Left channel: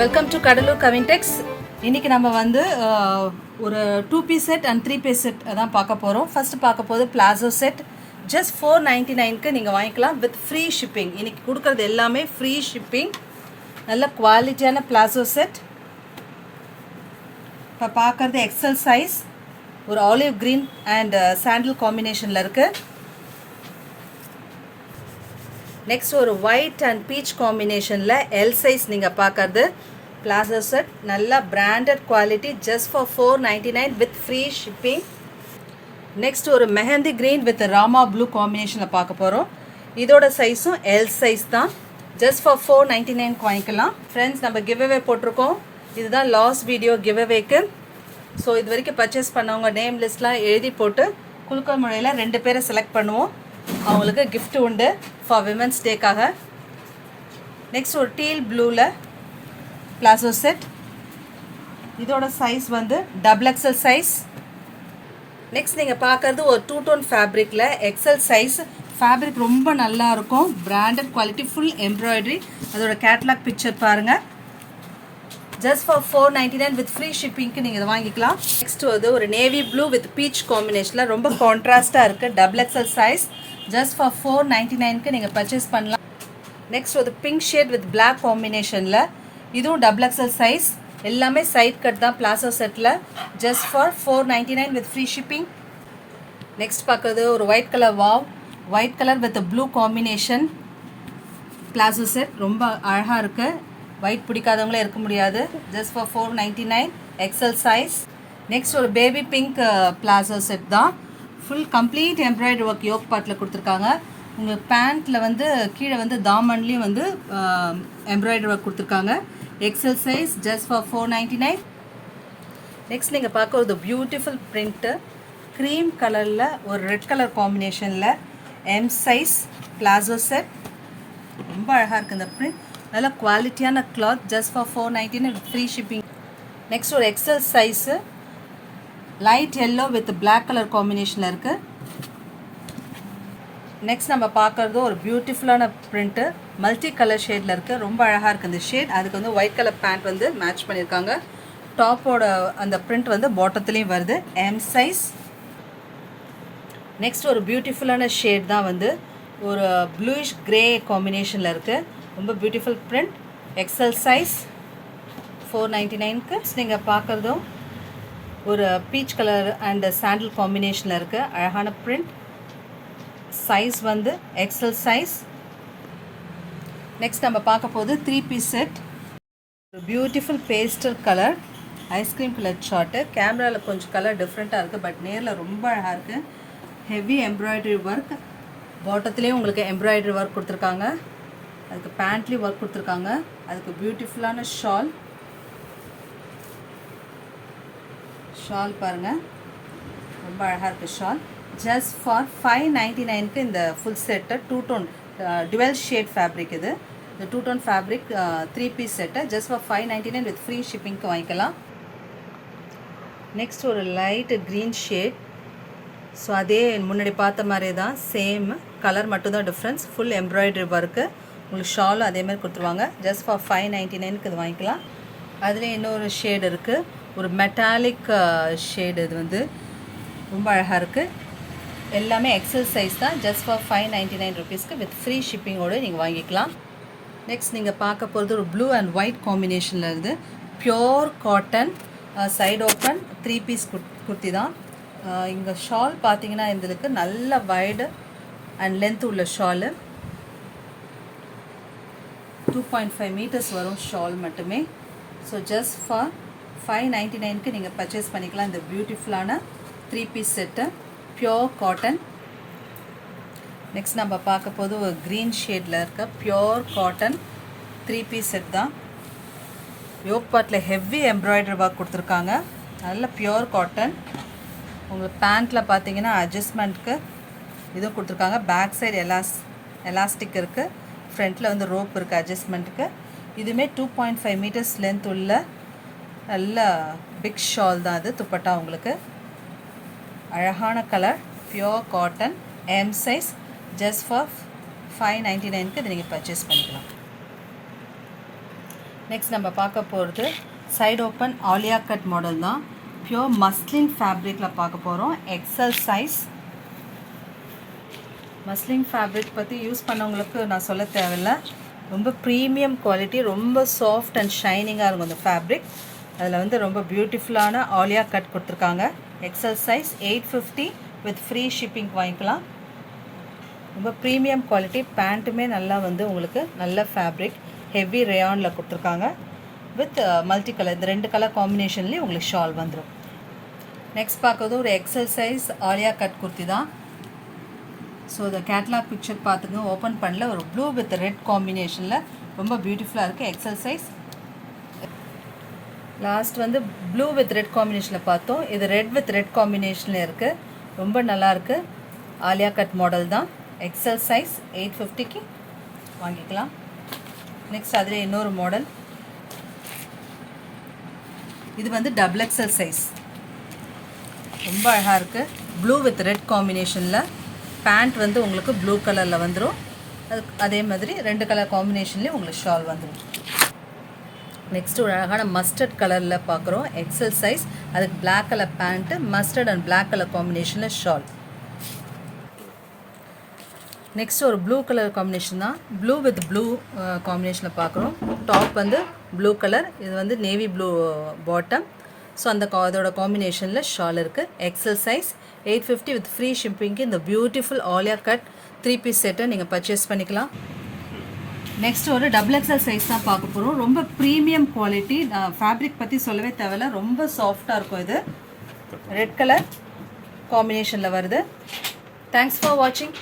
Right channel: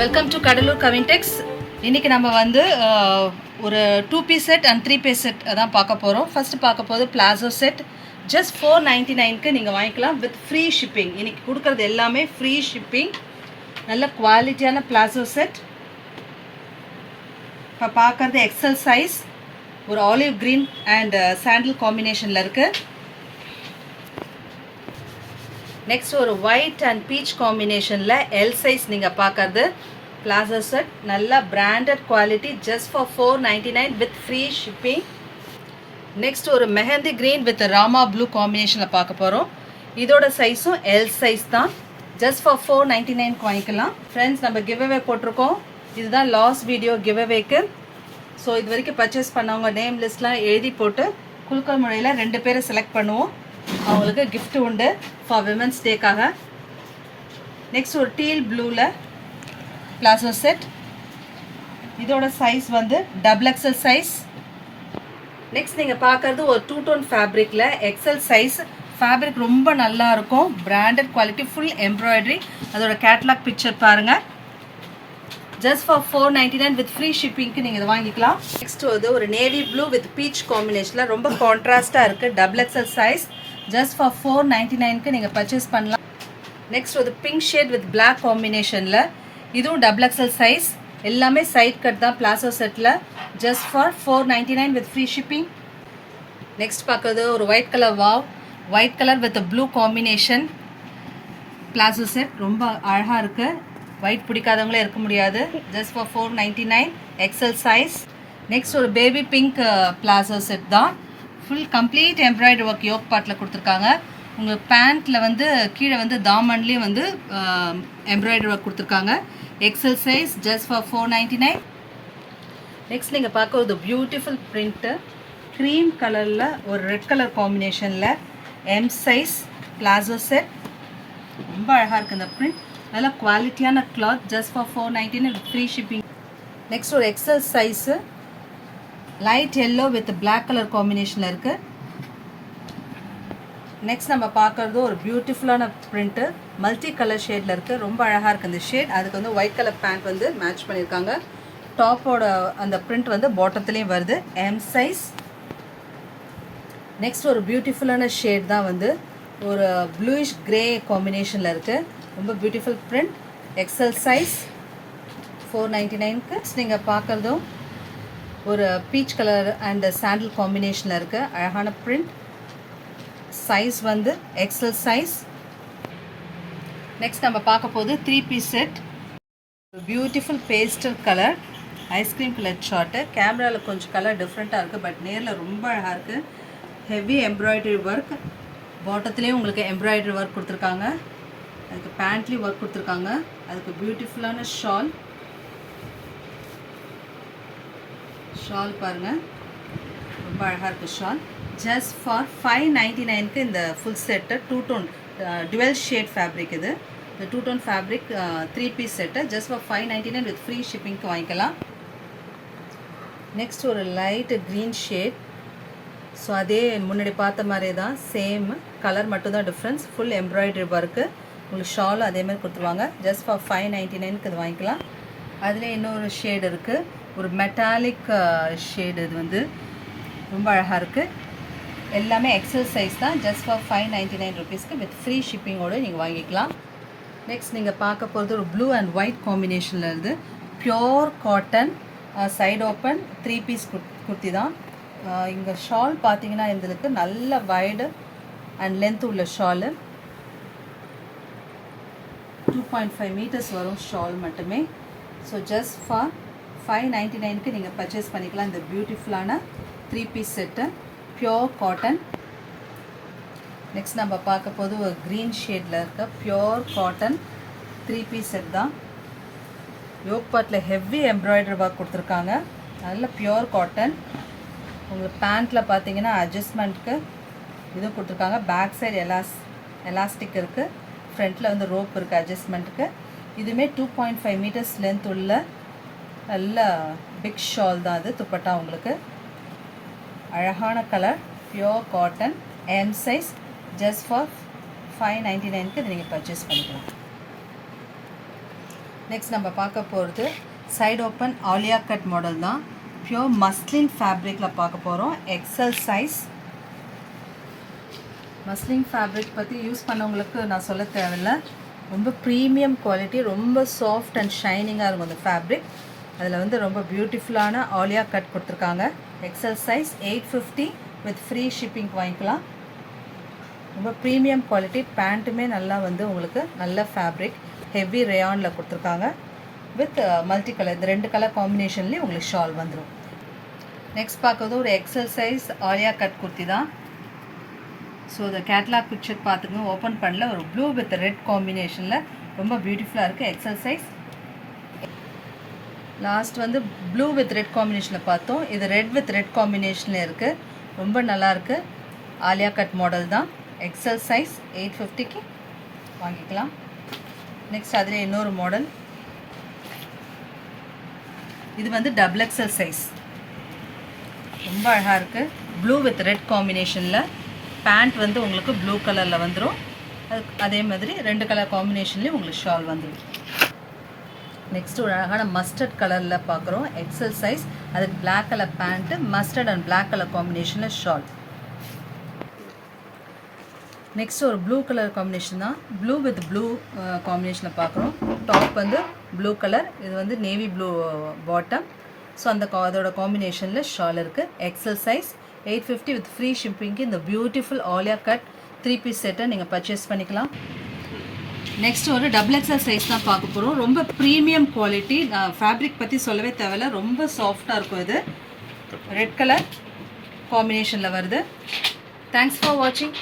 Welcome to Cuddalore கவின்டெக்ஸ். இன்றைக்கி நம்ம வந்து ஒரு 2 piece set and 3 piece set அதான் பார்க்க போகிறோம். ஃபஸ்ட்டு பார்க்க போது பிளாசோ செட் ஜஸ்ட் 499க்கு நீங்கள் வாங்கிக்கலாம் வித் ஃப்ரீ ஷிப்பிங். இன்றைக்கி கொடுக்குறது எல்லாமே ஃப்ரீ ஷிப்பிங். நல்ல குவாலிட்டியான பிளாசோ செட். இப்போ பார்க்குறது எக்ஸல் சைஸ், ஒரு ஆலிவ் க்ரீன் அண்ட் சாண்டில் காம்பினேஷனில் இருக்குது. நெக்ஸ்ட் ஒரு ஒயிட் அண்ட் பீச் காம்பினேஷனில் எல் சைஸ் நீங்கள் பார்க்குறது பிளாசோ செட். நல்லா branded quality just for 499 with free shipping. Next ஒரு mehndi green with Rama blue காம்பினேஷனில் பார்க்க போகிறோம். இதோட சைஸும் எல் சைஸ் தான். ஜஸ்ட் ஃபார் 499 வாங்கிக்கலாம். ஃப்ரெண்ட்ஸ், நம்ம கிவ் அவே போட்டிருக்கோம். இதுதான் லாஸ்ட் வீடியோ கிவ் அவேக்கு. ஸோ இது வரைக்கும் பர்ச்சேஸ் பண்ணவங்க நேம் லிஸ்ட்லாம் எழுதி போட்டு குலுக்கல் முறையில் 2 பேரை செலக்ட் பண்ணுவோம். அவங்களுக்கு கிஃப்ட் உண்டு ஃபார் விமன்ஸ் டேக்காக. நெக்ஸ்ட் ஒரு டீல் ப்ளூவில் பிளாசோ செட். இதோட சைஸ் வந்து XXL சைஸ். நெக்ஸ்ட் நீங்கள் பார்க்குறது ஒரு 2 டோன் ஃபேப்ரிக்கில் எக்ஸல் சைஸ். ஃபேப்ரிக் ரொம்ப நல்லா இருக்கும், பிராண்டட் குவாலிட்டி, ஃபுல் எம்ப்ராய்டரி. அதோட கேட்லாக் பிக்சர் பாருங்கள். ஜஸ்ட் ஃபார் 499 வித் ஃப்ரீ ஷிப்பிங்க்கு நீங்கள் இதை வாங்கிக்கலாம். நெக்ஸ்ட் வந்து ஒரு நேவி ப்ளூ வித் பீச் காம்பினேஷனில் ரொம்ப கான்ட்ராஸ்ட்டாக இருக்குது, XXL சைஸ். ஜஸ்ட் ஃபார் 499க்கு நீங்கள் பர்ச்சேஸ் பண்ணலாம். நெக்ஸ்ட் ஒரு பிங்க் ஷேட் வித் பிளாக் காம்பினேஷனில், இதுவும் XXL சைஸ். எல்லாமே சைட் கட் தான் பிளாசோ செட்டில். Just for 499 with free shipping. Next பார்க்குறது ஒரு white colour wow, white colour with blue combination palazzo set. ரொம்ப அழகாக இருக்குது, ஒயிட் பிடிக்காதவங்களே இருக்க முடியாது. Just for 499 XL size. Next ஒரு பேபி பிங்க் பிளாசோ செட் தான். Full complete embroidery work yoke பார்ட்டில் கொடுத்துருக்காங்க. உங்கள் பேண்ட்டில் வந்து கீழே வந்து தாமன்லேயும் வந்து எம்ப்ராய்டரி ஒர்க் கொடுத்துருக்காங்க. XL size. Just for 499. Next நீங்கள் பார்க்க ஒரு பியூட்டிஃபுல் பிரிண்ட்டு க்ரீம் கலரில் ஒரு ரெட் கலர் காம்பினேஷனில் எம் சைஸ் பிளாசோ செட். ரொம்ப அழகாக இருக்குது இந்த பிரிண்ட். நல்ல குவாலிட்டியான cloth. Just for 499 with free shipping. Next ஒரு XL size light yellow with black colour காம்பினேஷனில் இருக்குது. நெக்ஸ்ட் நம்ம பார்க்குறது ஒரு பியூட்டிஃபுல்லான பிரிண்ட்டு மல்டி கலர் ஷேடில் இருக்குது. ரொம்ப அழகாக இருக்குது இந்த ஷேட். அதுக்கு வந்து ஒயிட் கலர் பேண்ட் வந்து மேட்ச் பண்ணியிருக்காங்க. டாப்போட அந்த பிரிண்ட் வந்து பாட்டத்துலேயும் வருது, எம் சைஸ். நெக்ஸ்ட் ஒரு பியூட்டிஃபுல்லான ஷேட் தான் வந்து ஒரு ப்ளூயிஷ் கிரே காம்பினேஷனில் இருக்குது. ரொம்ப பியூட்டிஃபுல் பிரிண்ட், எக்ஸல் சைஸ். 499க்கு. நீங்கள் பார்க்குறதும் ஒரு பீச் கலர் அண்ட் சாண்டில் காம்பினேஷனில் இருக்குது. அழகான பிரிண்ட். சைஸ் வந்து எக்ஸல் சைஸ். நெக்ஸ்ட் நம்ம பார்க்க போது 3 piece set. Beautiful pastel colour ice cream colour short. கேமராவில் கொஞ்சம் கலர் டிஃப்ரெண்ட்டாக இருக்குது, பட் நேரில் ரொம்ப அழகாக இருக்குது. Heavy embroidery work. பாட்டத்துலேயும் உங்களுக்கு எம்ப்ராய்டரி ஒர்க் கொடுத்துருக்காங்க. அதுக்கு பேண்ட்லேயும் ஒர்க் கொடுத்துருக்காங்க. அதுக்கு பியூட்டிஃபுல்லான ஷால். ஷால் பாருங்கள், ரொம்ப அழகாக இருக்குது ஷால். ஜஸ்ட் ஃபார் 599க்கு இந்த full set 2 tone dual shade fabric. இது இந்த 2 tone fabric 3 piece set just for 599 with free ஷிப்பிங்க்கு வாங்கிக்கலாம். நெக்ஸ்ட் ஒரு லைட் க்ரீன் ஷேட். ஸோ அதே முன்னாடி பார்த்த மாதிரி தான், சேம் கலர் மட்டும்தான் டிஃப்ரென்ஸ். Full embroidery work. உங்களுக்கு ஷாலும் அதேமாதிரி கொடுத்துருவாங்க. ஜஸ்ட் ஃபார் 599க்கு இது வாங்கிக்கலாம். அதில் இன்னொரு ஷேடு இருக்குது, ஒரு மெட்டாலிக் ஷேடு. இது வந்து ரொம்ப அழகாக இருக்குது. எல்லாமே எக்ஸல் சைஸ் தான். ஜஸ்ட் ஃபார் 599 ருபீஸ்க்கு வித் ஃப்ரீ ஷிப்பிங்கோடு நீங்கள் வாங்கிக்கலாம். நெக்ஸ்ட் நீங்கள் பார்க்க போகிறது ஒரு ப்ளூ அண்ட் ஒயிட் காம்பினேஷனில் இருந்து pure cotton side open 3 piece kurti தான். இங்கே ஷால் பார்த்தீங்கன்னா இதுக்கு நல்ல வைடு அண்ட் லென்த் உள்ள ஷாலு. 2.5 மீட்டர்ஸ் வரும் ஷால் மட்டுமே. ஸோ ஜஸ்ட் ஃபார் 599க்கு நீங்கள் பர்ச்சேஸ் பண்ணிக்கலாம் இந்த பியூட்டிஃபுல்லான 3 piece set pure cotton. Next நம்ம பார்க்க போது ஒரு க்ரீன் ஷேடில் இருக்க பியோர் காட்டன் 3 பீஸ் செட் தான். யோக் பார்ட்டில் ஹெவி எம்ப்ராய்டரி ஒர்க் கொடுத்துருக்காங்க. நல்ல பியோர் காட்டன். உங்களுக்கு பேண்ட்டில் பார்த்தீங்கன்னா அட்ஜஸ்ட்மெண்ட்டுக்கு இதுவும் கொடுத்துருக்காங்க. பேக் சைடு எலாஸ்டிக் இருக்குது. ஃப்ரண்ட்டில் வந்து ரோப் இருக்குது அட்ஜஸ்ட்மெண்ட்டுக்கு. இதுவுமே 2.5 மீட்டர்ஸ் லென்த் உள்ள நல்ல பிக் ஷால் தான். அது துப்பட்டா உங்களுக்கு அழகான colour, pure cotton, M size. Just for 599க்கு இதை நீங்கள் பர்ச்சேஸ் பண்ணிக்கலாம். நெக்ஸ்ட் நம்ம பார்க்க போகிறது side open Alia cut model தான். பியூர் மஸ்லின் ஃபேப்ரிக்கில் பார்க்க போகிறோம். XL size. மஸ்லின் ஃபேப்ரிக் பற்றி யூஸ் பண்ணவங்களுக்கு நான் சொல்ல தேவையில்லை. ரொம்ப ப்ரீமியம் குவாலிட்டி, ரொம்ப சாஃப்ட் அண்ட் ஷைனிங்காக இருக்கும் அந்த ஃபேப்ரிக். அதில் வந்து ரொம்ப பியூட்டிஃபுல்லான ஆலியா கட் கொடுத்துருக்காங்க. XL size 850 with free shipping வாங்கிக்கலாம். ரொம்ப ப்ரீமியம் குவாலிட்டி. பேண்ட்டுமே நல்லா வந்து உங்களுக்கு நல்ல ஃபேப்ரிக் ஹெவி ரேயானில் கொடுத்துருக்காங்க. வித் மல்டி கலர், இந்த 2 கலர் காம்பினேஷன்லேயும் உங்களுக்கு ஷால் வந்துடும். நெக்ஸ்ட் பார்க்குறது ஒரு XL size Alia cut kurti தான். ஸோ இந்த கேட்லாக் பிக்சர் பார்த்துங்க, ஓப்பன் பண்ணல. ஒரு ப்ளூ வித் ரெட் காம்பினேஷனில் ரொம்ப பியூட்டிஃபுல்லாக இருக்குது. XL size. லாஸ்ட் வந்து ப்ளூ வித் ரெட் காம்பினேஷனில் பார்த்தோம். இது ரெட் வித் ரெட் காம்பினேஷனில் இருக்குது. ரொம்ப நல்லாயிருக்கு. ஆலியா கட் மாடல் தான். எக்ஸல் சைஸ் 850க்கு வாங்கிக்கலாம். நெக்ஸ்ட் அதில் இன்னொரு மாடல். இது வந்து டபுள் எக்ஸல் சைஸ். ரொம்ப அழகாக இருக்குது. ப்ளூ வித் ரெட் காம்பினேஷனில். பேண்ட் வந்து உங்களுக்கு ப்ளூ கலரில் வந்துடும். அதே மாதிரி 2 கலர் காம்பினேஷன்லேயும் உங்களுக்கு ஷால் வந்துடும். நெக்ஸ்ட்டு ஒரு அழகான மஸ்டர்ட் கலரில் பார்க்குறோம். XL size. அதுக்கு black colour pant, mustard and black colour காம்பினேஷனில் ஷால். நெக்ஸ்ட் ஒரு ப்ளூ கலர் காம்பினேஷன் தான். ப்ளூ வித் ப்ளூ காம்பினேஷனில் பார்க்குறோம். டாப் வந்து ப்ளூ கலர், இது வந்து நேவி ப்ளூ பாட்டம். ஸோ அதோட காம்பினேஷனில் ஷால் இருக்குது. எக்ஸல் சைஸ் 850 வித் ஃப்ரீ ஷிப்பிங்க்கு இந்த பியூட்டிஃபுல் ஆலியா கட் 3 பீஸ் செட்டை நீங்கள் பர்ச்சேஸ் பண்ணிக்கலாம். நெக்ஸ்ட் ஒரு டபுள் எக்ஸல் சைஸ் தான் பார்க்க போகிறோம். ரொம்ப ப்ரீமியம் குவாலிட்டி. ஃபேப்ரிக் பற்றி சொல்லவே தேவையில்ல. ரொம்ப சாஃப்டாக இருக்கும். இது ரெட் கலர் காம்பினேஷனில் வருது. தேங்க்ஸ் ஃபார் வாட்சிங்.